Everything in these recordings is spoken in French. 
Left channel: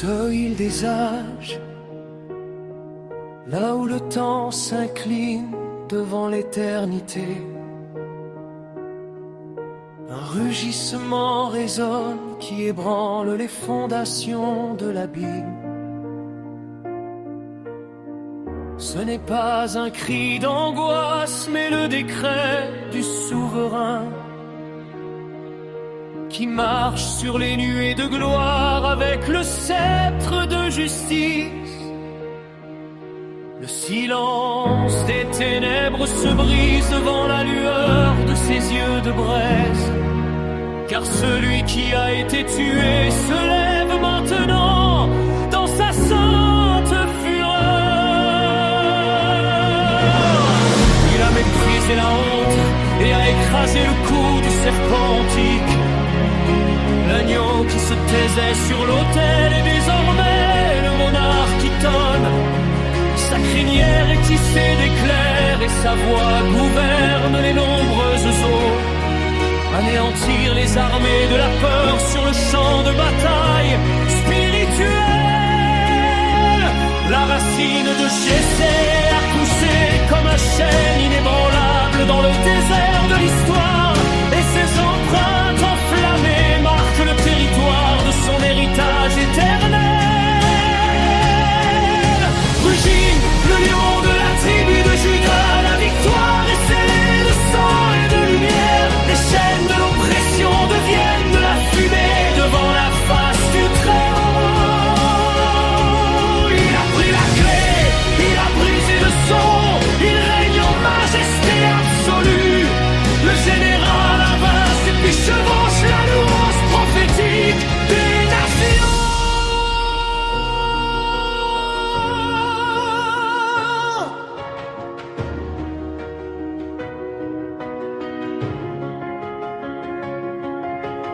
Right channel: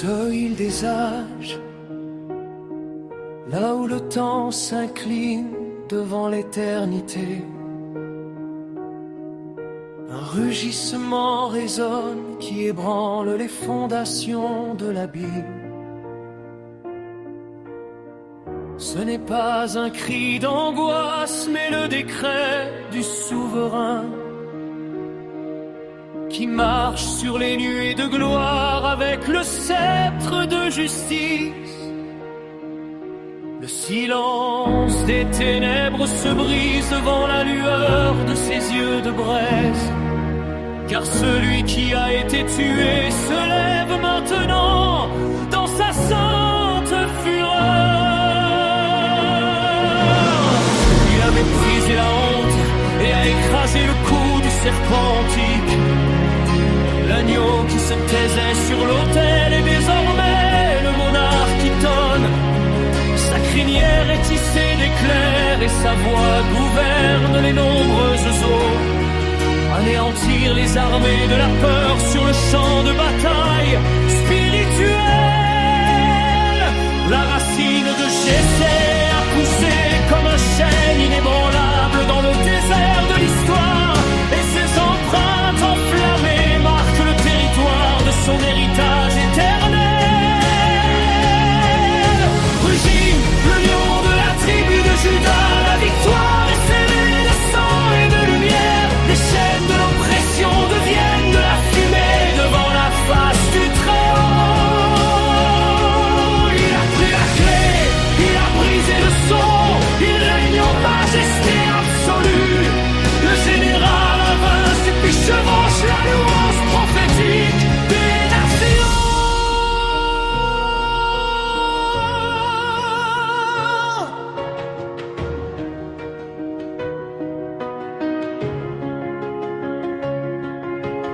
ce île des âges, là où le temps s'incline devant l'éternité. Un rugissement résonne qui ébranle les fondations de l'abîme. Ce n'est pas un cri d'angoisse, mais le décret du souverain qui marche sur les nuées de gloire avec le sceptre de justice. Le silence des ténèbres se brise devant la lueur de ses yeux de braise, car celui qui a été tué se lève maintenant dans sa sainte fureur. Il a méprisé la honte et a écrasé le cou du serpent antique. L'agneau qui se taisait sur l'autel est désormais le monarque qui tonne. Sa crinière est tissée d'éclairs et sa voix gouverne les nombreuses eaux. Anéantir les armées de la peur sur le champ de bataille spirituel. La racine de Jessé a poussé comme un chêne inébranlable dans le désert de l'histoire, et ses empreintes enflammées marquent le territoire de son héritage éternel. Rugit le lion de la tribu de Juda, la victoire est scellée de sang et de lumière. Les chaînes de l'oppression deviennent de la fumée devant la face du Très-Haut. Il a pris la clé, il a brisé le son, il règne en majesté absolue. Le général invincible puis chevauche la louange prophétique des nations.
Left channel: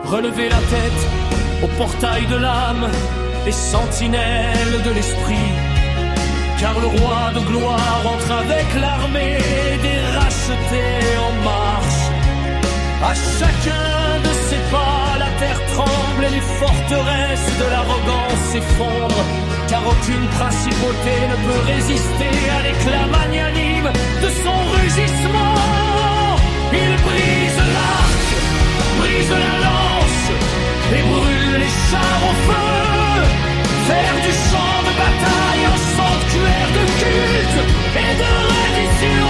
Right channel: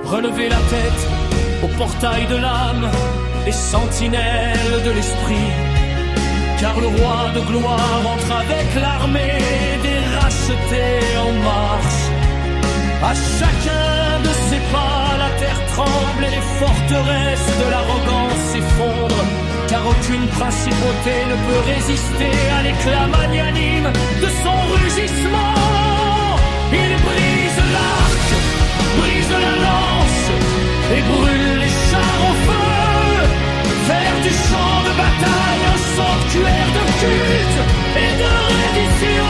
Relevez la tête au portail de l'âme, les sentinelles de l'esprit, car le roi de gloire entre avec l'armée des rachetés en marche. À chacun de ses pas, la terre tremble et les forteresses de l'arrogance s'effondrent, car aucune principauté ne peut résister à l'éclat magnanime de son rugissement. Il brise l'arc, brise la lance et brûle les chars au feu. Faire du champ de bataille un sanctuaire de culte et de reddition.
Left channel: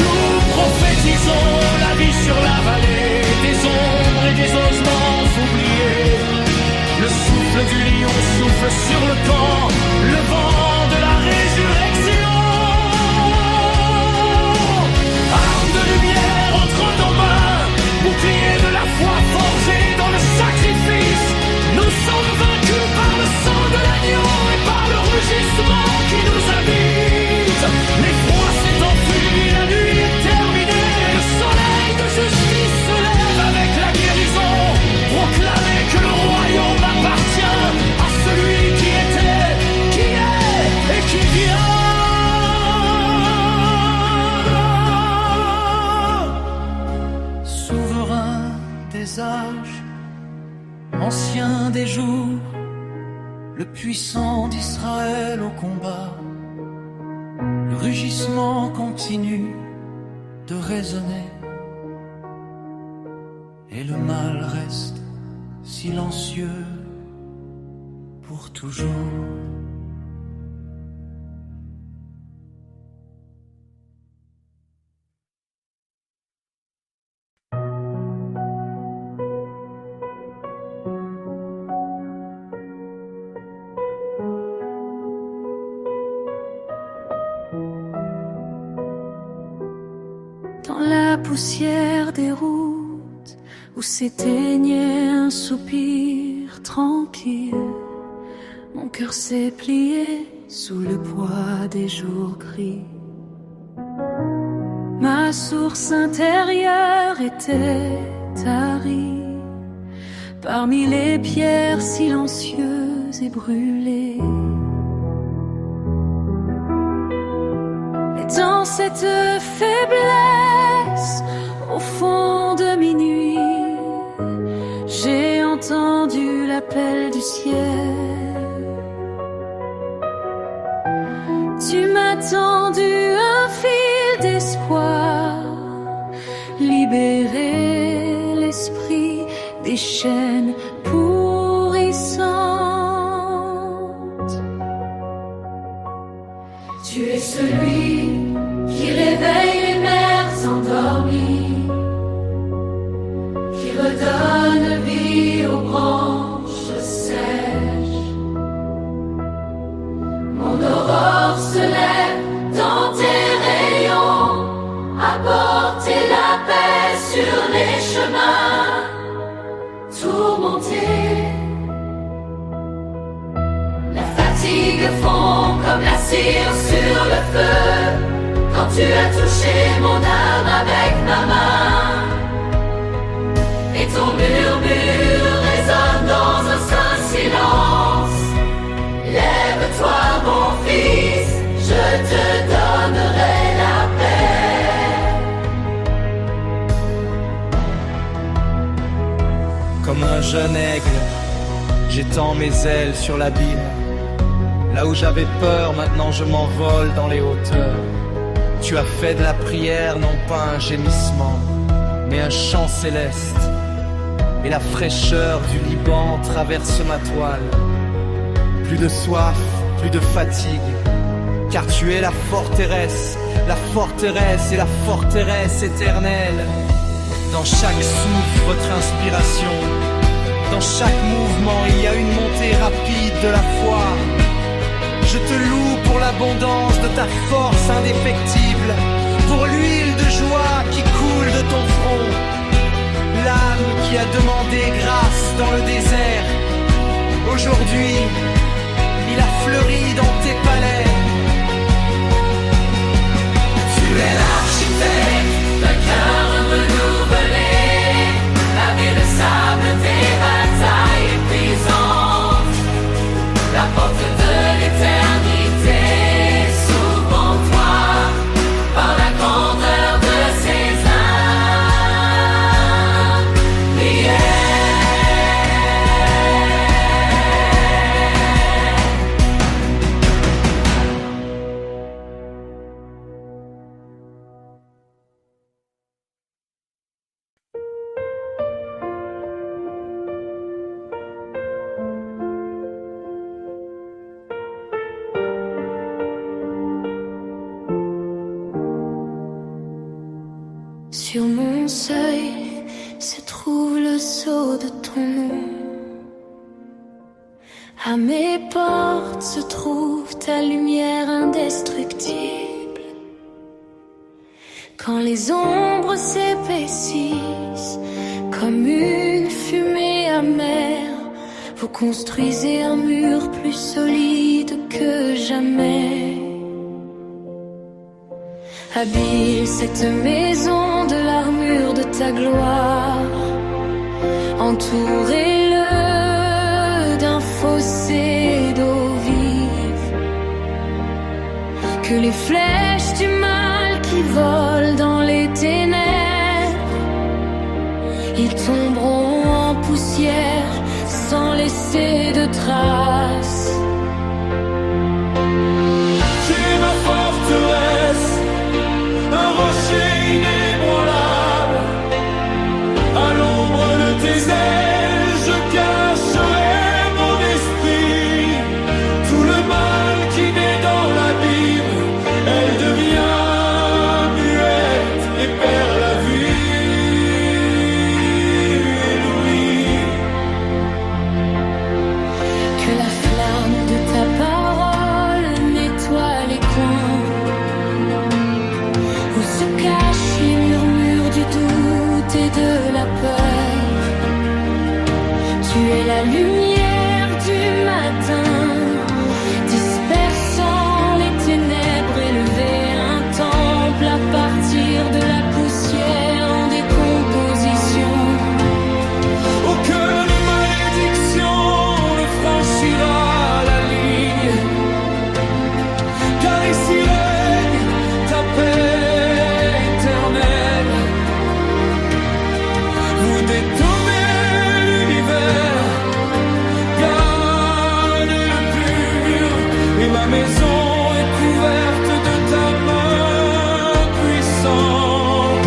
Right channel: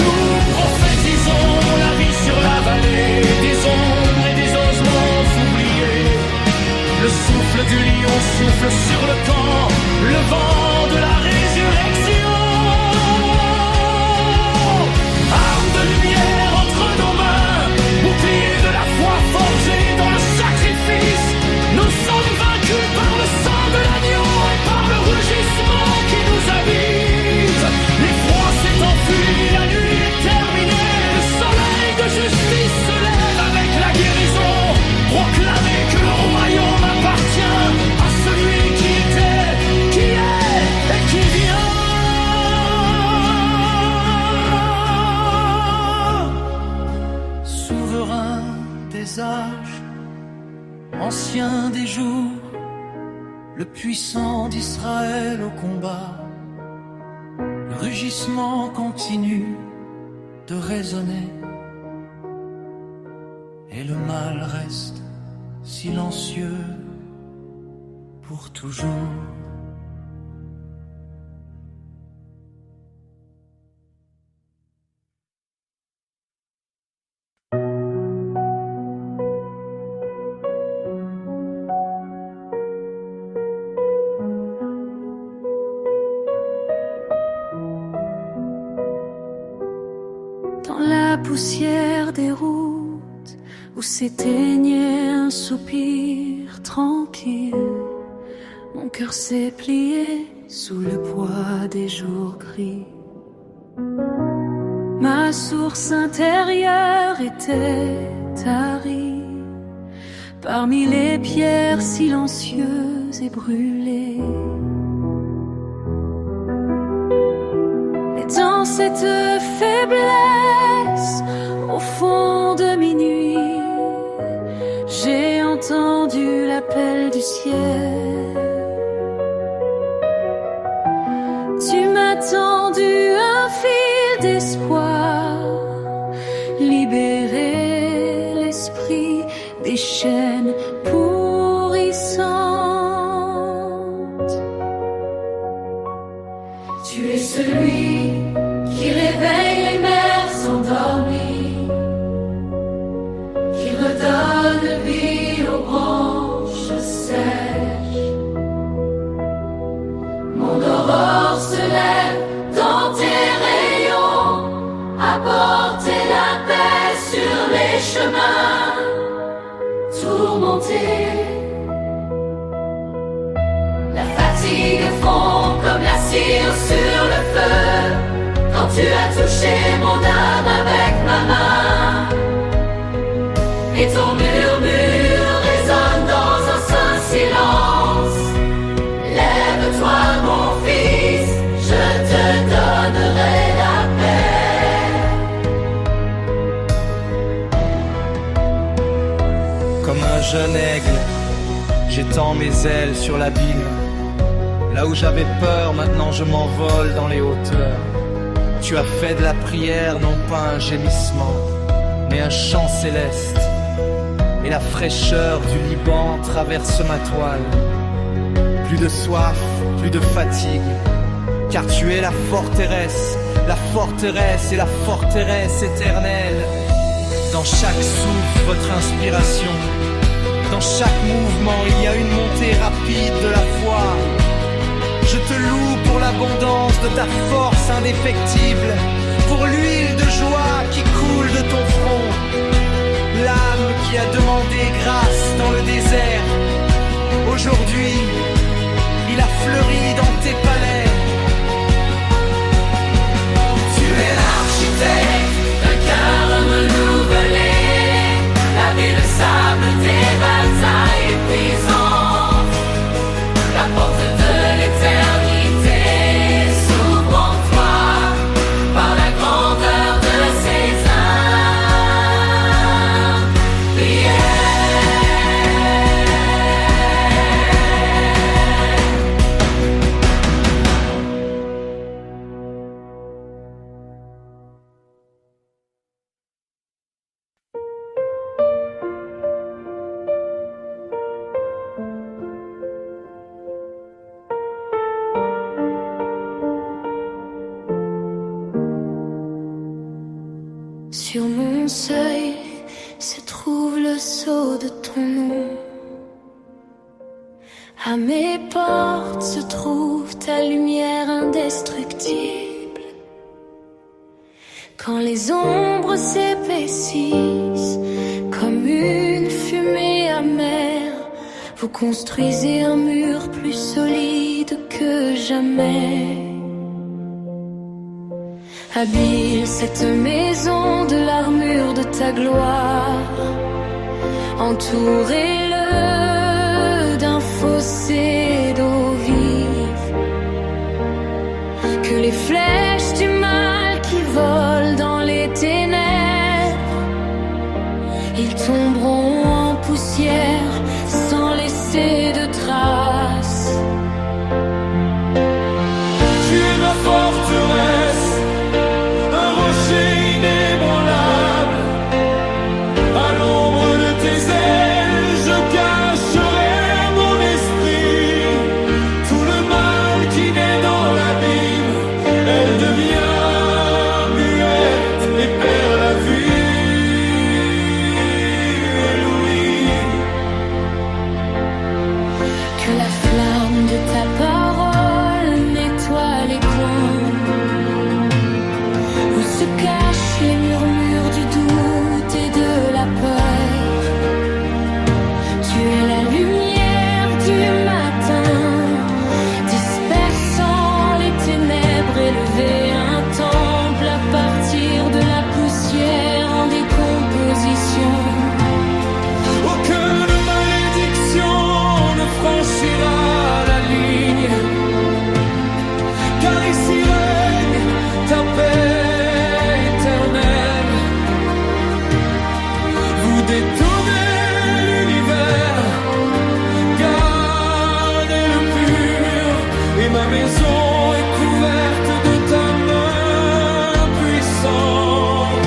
Nous prophétisons la vie sur la vallée des ombres et des ossements oubliés. Le souffle du lion souffle sur le camp, le vent de la résurrection. Arme de lumière entre nos mains, bouclier de la foi forgé dans le sacrifice. Nous sommes vaincus par le sang de l'agneau et par le rugissement qui nous habite. L'effroi s'est enfui, la nuit est terminée. Le soleil de justice se lève avec la guérison. Proclamez que le royaume appartient à celui qui était, qui est et qui vient. Souverain des âges, ancien des jours, le puissant d'Israël au combat, le rugissement continue de résonner et le mal reste silencieux pour toujours. Poussière des routes où s'éteignait un soupir tranquille, mon cœur s'est plié sous le poids des jours gris. Ma source intérieure était tarie parmi les pierres silencieuses et brûlées. Et dans cette faiblesse, au fond de minuit, j'ai entendu l'appel du ciel. Tu m'as tendu un fil d'espoir, libérer l'esprit des chaînes pourrissantes. Tu es celui qui réveille les mères endormies, qui redonne vie aux branches sèches. Mon aurore se lève dans tes rayons, apporter la paix sur les chemins tourmentés. La fatigue fond comme la cire sur le feu, quand tu as touché mon âme avec ma main. Et ton murmure résonne dans un saint silence. Lève-toi mon fils, je te donnerai la paix. Comme un jeune aigle, j'étends mes ailes sur l'abîme. Là où j'avais peur, maintenant je m'envole dans les hauteurs. Tu as fait de la prière non pas un gémissement, mais un chant céleste. Et la fraîcheur du Liban traverse ma toile. Plus de soif, plus de fatigue, car tu es la forteresse et la forteresse éternelle. Dans chaque souffle, votre inspiration. Dans chaque mouvement, il y a une montée rapide de la foi. Je te loue pour l'abondance de ta force indéfectible, pour l'huile de joie qui coule de ton front. L'âme qui a demandé grâce dans le désert, aujourd'hui, il a fleuri dans tes palais. Tu es l'architecte d'un cœur renouvelé, laver le sable des batailles épuisantes. La porte de l'éternité s'ouvre en toi par la grandeur de ses âmes. Sur mon seuil se trouve le sceau de ton nom. À mes portes se trouve ta lumière indestructible. Quand les ombres s'épaississent comme une fumée amère, vous construisez un mur plus solide que jamais. Habille cette maison de l'armure de ta gloire. Entourez-le d'un fossé d'eau vive. Que les flèches du mal qui volent dans les ténèbres, ils tomberont en poussière sans laisser de traces. Tu es ma forteresse, un rocher inébranlable. À l'ombre de tes ailes, je cacherai mon esprit. Tout le mal qui naît dans l'abîme, elle devient muette et perd la vue et l'ouïe. Que la flamme de ta parole nettoie les coins où se cachent les murmures du doute et de la peur. Tu es la lumière du matin, dispersant les ténèbres, élever un temple à partir de la poussière en décomposition. Aucune malédiction ne franchira la ligne, car ici règne ta paix éternelle. Vous détournez l'univers, car et ma maison est couverte de ta main puissante.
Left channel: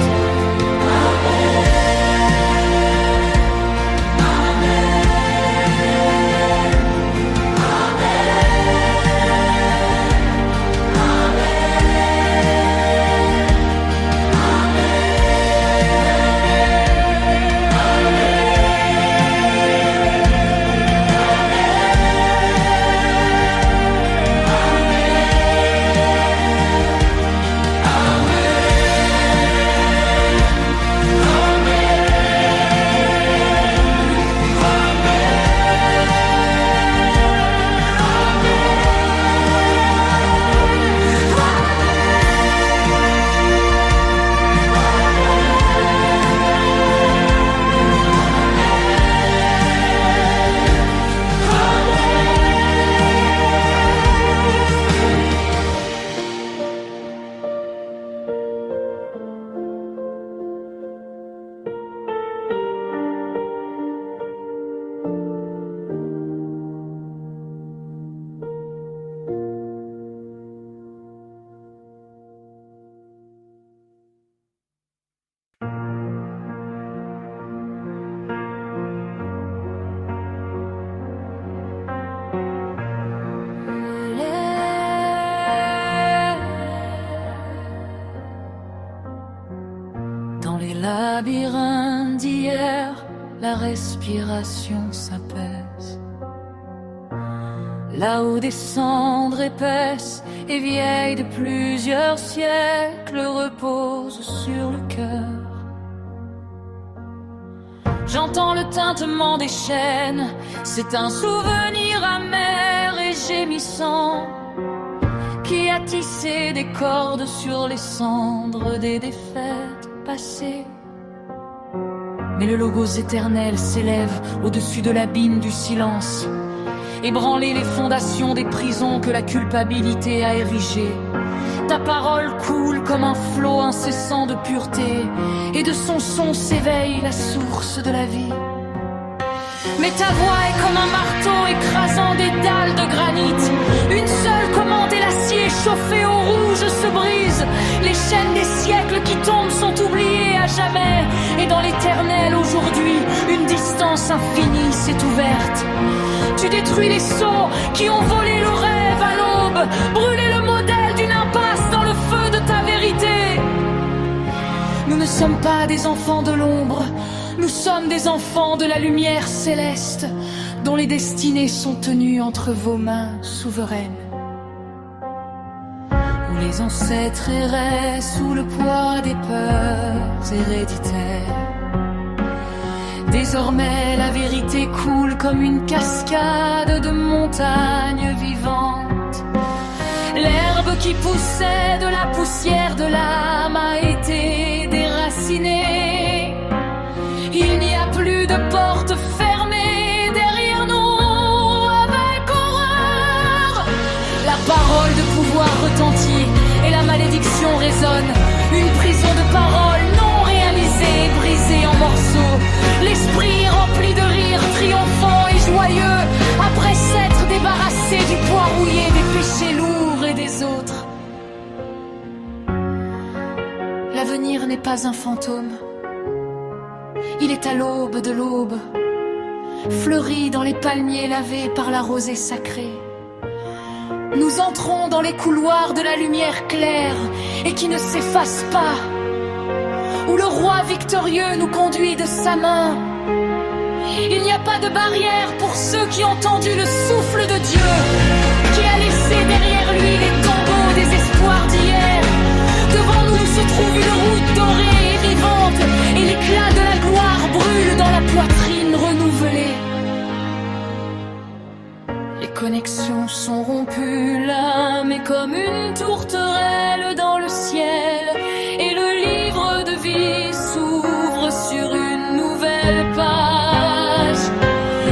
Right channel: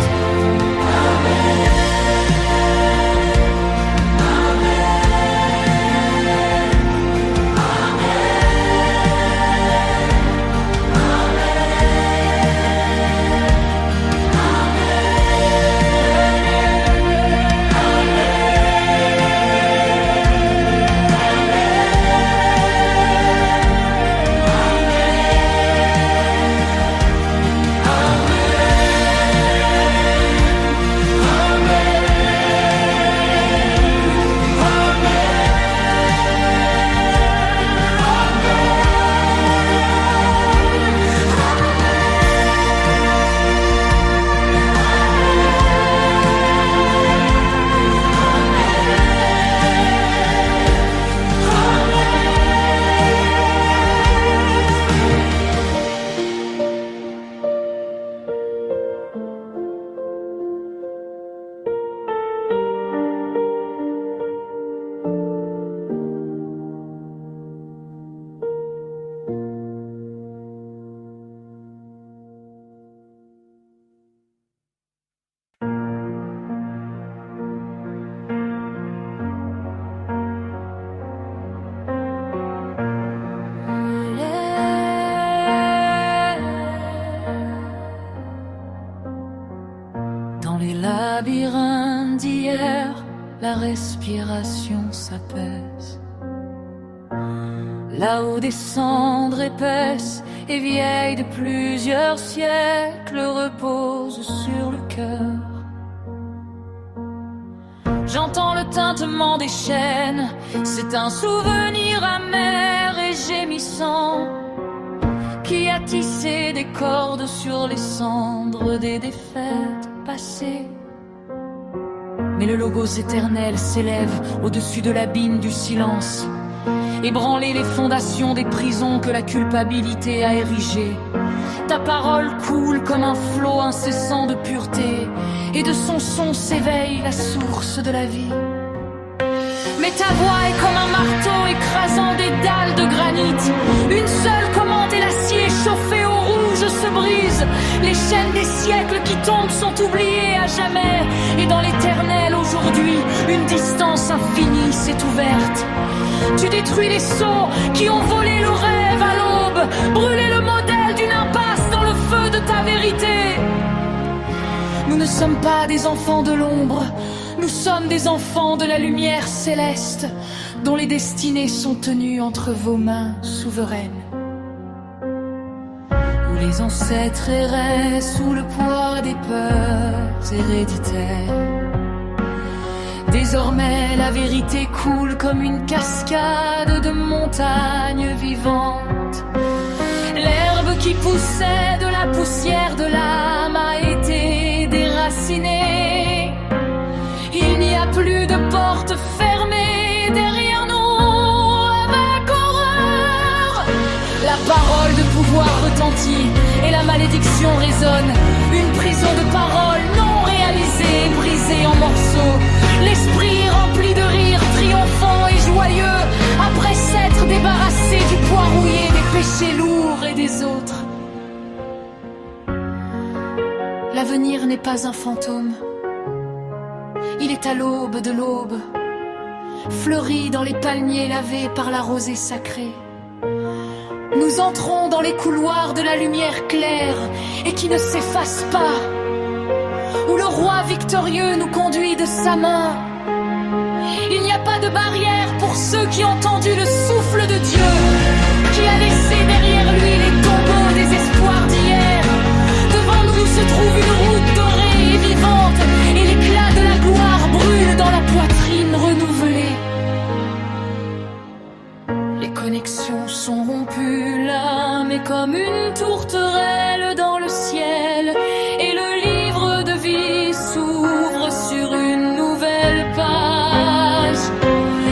Labyrinthe d'hier, la respiration s'apaise. Là-haut des cendres épaisses et vieilles de plusieurs siècles reposent sur le cœur. J'entends le tintement des chaînes, c'est un souvenir amer et gémissant qui a tissé des cordes sur les cendres des défaites passées. Mais le logos éternel s'élève au-dessus de l'abîme du silence, ébranler les fondations des prisons que la culpabilité a érigées. Ta parole coule comme un flot incessant de pureté, et de son son s'éveille la source de la vie. Mais ta voix est comme un marteau écrasant des dalles de granit. Une seule commande et l'acier chauffé au rouge se brise. Les chaînes des siècles qui tombent sont oubliées à jamais. Et dans l'éternel aujourd'hui, une distance infinie s'est ouverte. Tu détruis les sceaux qui ont volé le rêve à l'aube, brûlé le modèle d'une impasse dans le feu de ta vérité. Nous ne sommes pas des enfants de l'ombre, nous sommes des enfants de la lumière céleste, dont les destinées sont tenues entre vos mains souveraines. Où les ancêtres erraient sous le poids des peurs héréditaires. Désormais la vérité coule comme une cascade de montagnes vivantes. L'herbe qui poussait de la poussière de l'âme a été déracinée. Il n'y a plus de porte fermée derrière nous avec horreur. La parole de pouvoir retentit et la malédiction résonne. Une prison de paroles non réalisée, brisée en morceaux. L'esprit rempli de rire, triomphant et joyeux, après s'être débarrassé du poids rouillé des péchés lourds et des autres. L'avenir n'est pas un fantôme. Il est à l'aube de l'aube, fleuri dans les palmiers lavés par la rosée sacrée. Nous entrons dans les couloirs de la lumière claire et qui ne s'efface pas, où le roi victorieux nous conduit de sa main. Il n'y a pas de barrière pour ceux qui ont entendu le souffle de Dieu, qui a laissé derrière lui les tombeaux des espoirs d'hier. Devant nous se trouve une route dorée et vivante, et l'éclat de la gloire brûle dans la poitrine renouvelée. Les connexions sont rompues, l'âme est comme une tourterelle dans le ciel, et le livre de vie s'ouvre sur une nouvelle page.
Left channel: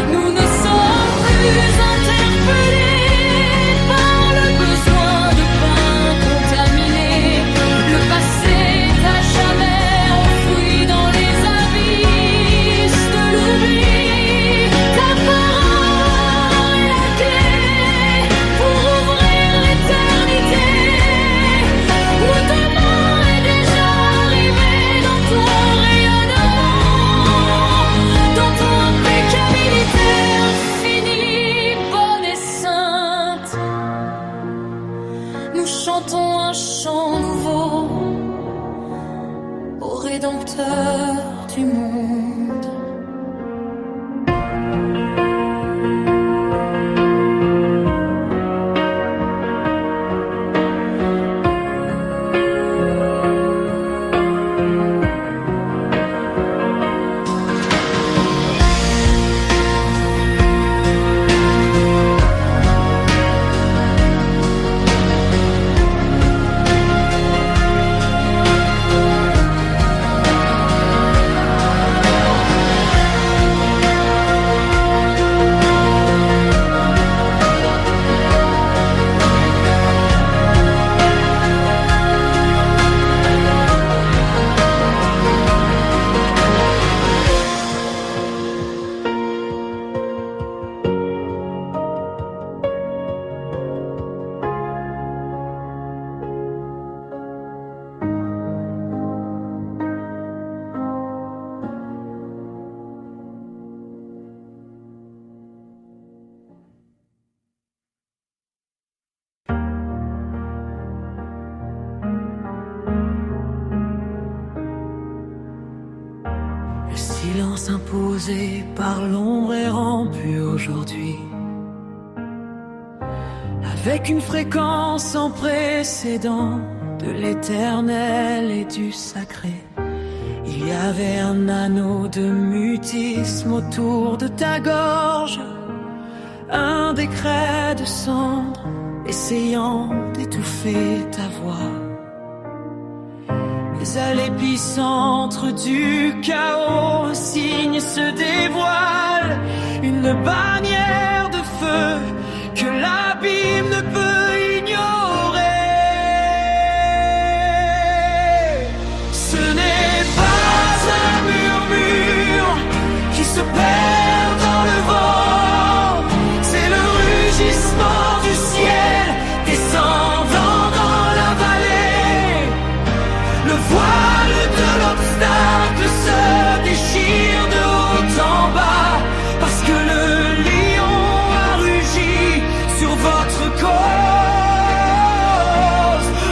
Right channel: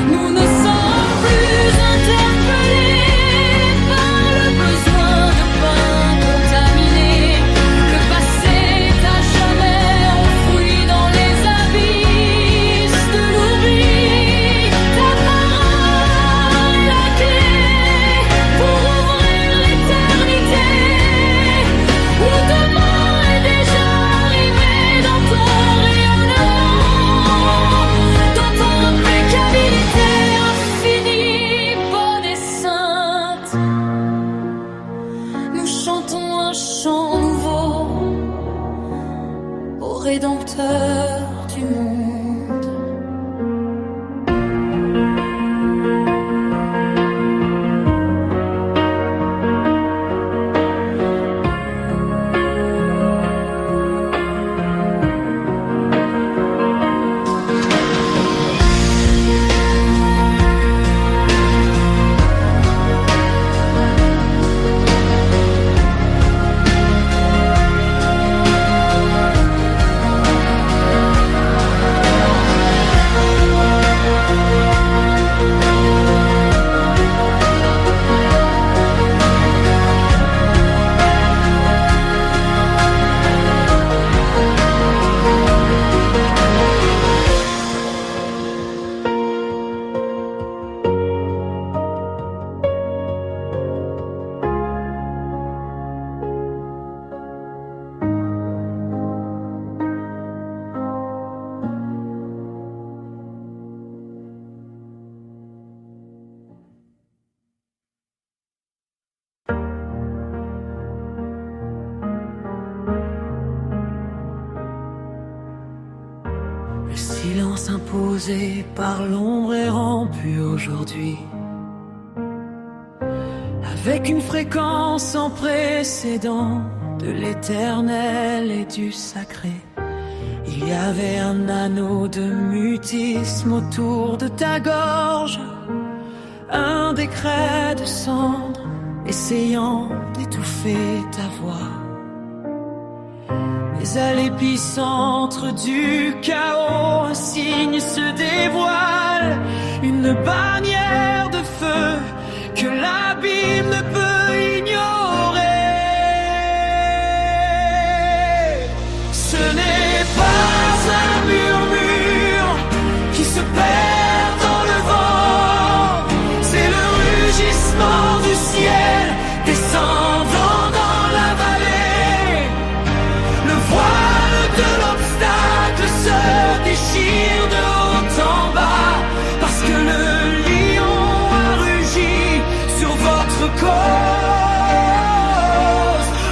Nous ne sommes plus interpellés par le besoin de pain contaminé. Le passé est à jamais enfoui dans les abysses de l'oubli. Ta parole est la clé pour ouvrir nous chantons un chant nouveau au Rédempteur du monde. Le silence imposé par l'ombre est rompu aujourd'hui, avec une fréquence sans précédent de l'éternel et du sacré. Il y avait un anneau de mutisme autour de ta gorge, un décret de cendre essayant d'étouffer ta voix. Mais à l'épicentre du chaos, un signe se dévoile, une bannière de feu que l'abîme ne peut ignorer. Ce n'est pas un murmure qui se perd dans le vent, c'est le rugissement du ciel descendant dans la vallée. Le voile de l'obstacle se déchire de haut en bas, parce que le lion a rugi sur votre cause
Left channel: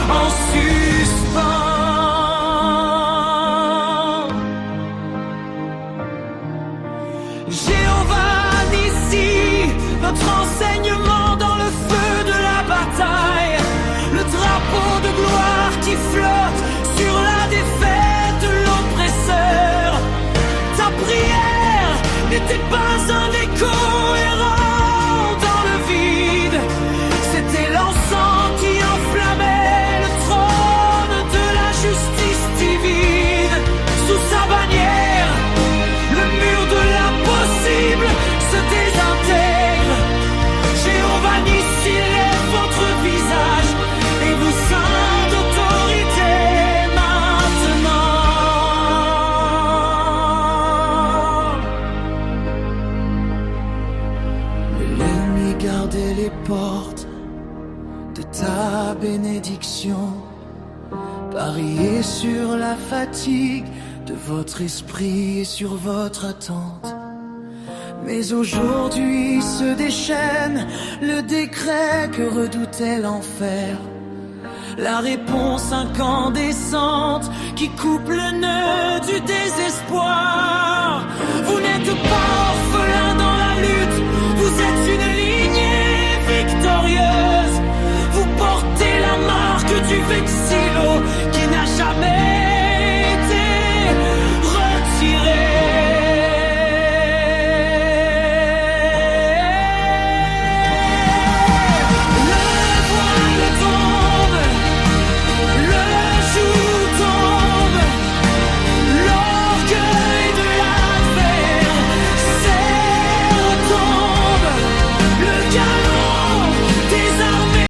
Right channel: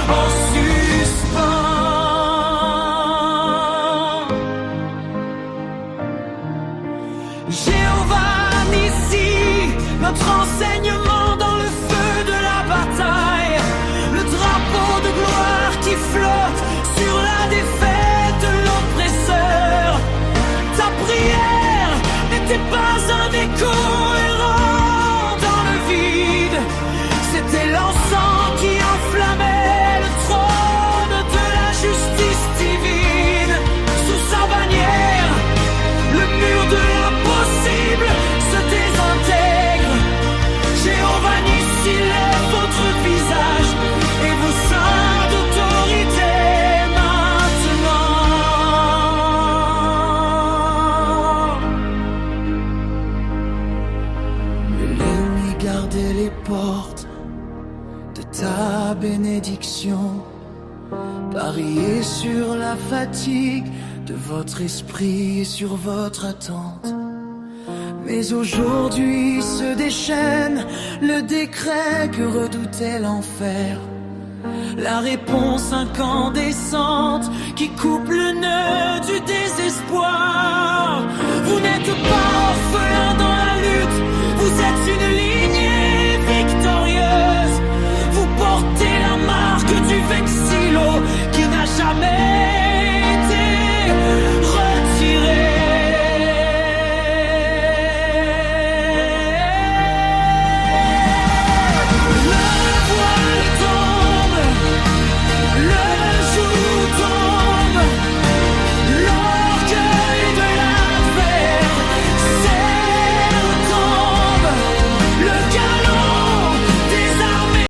en suspens. Jéhovah Nissi, notre enseignement dans le feu de la bataille, le drapeau de gloire qui flotte sur la défaite de l'oppresseur. Ta prière n'était pas un écho errant dans le vide, c'était l'encens qui enflammait le trône de la justice divine. Sous sa bannière, le mur de l'impossible se désintègre. Jéhovah Nissi lève votre visage et vous ceint d'autorité maintenant. Mais l'ennemi gardait les portes de ta bénédiction, pariez sur la fatigue de votre esprit et sur votre attente. Mais aujourd'hui se déchaîne le décret que redoutait l'enfer, la réponse incandescente qui coupe le nœud du désespoir. Vous n'êtes pas orphelin dans la lutte, vous êtes une lignée victorieuse. Vous portez la marque du vexilo qui n'a jamais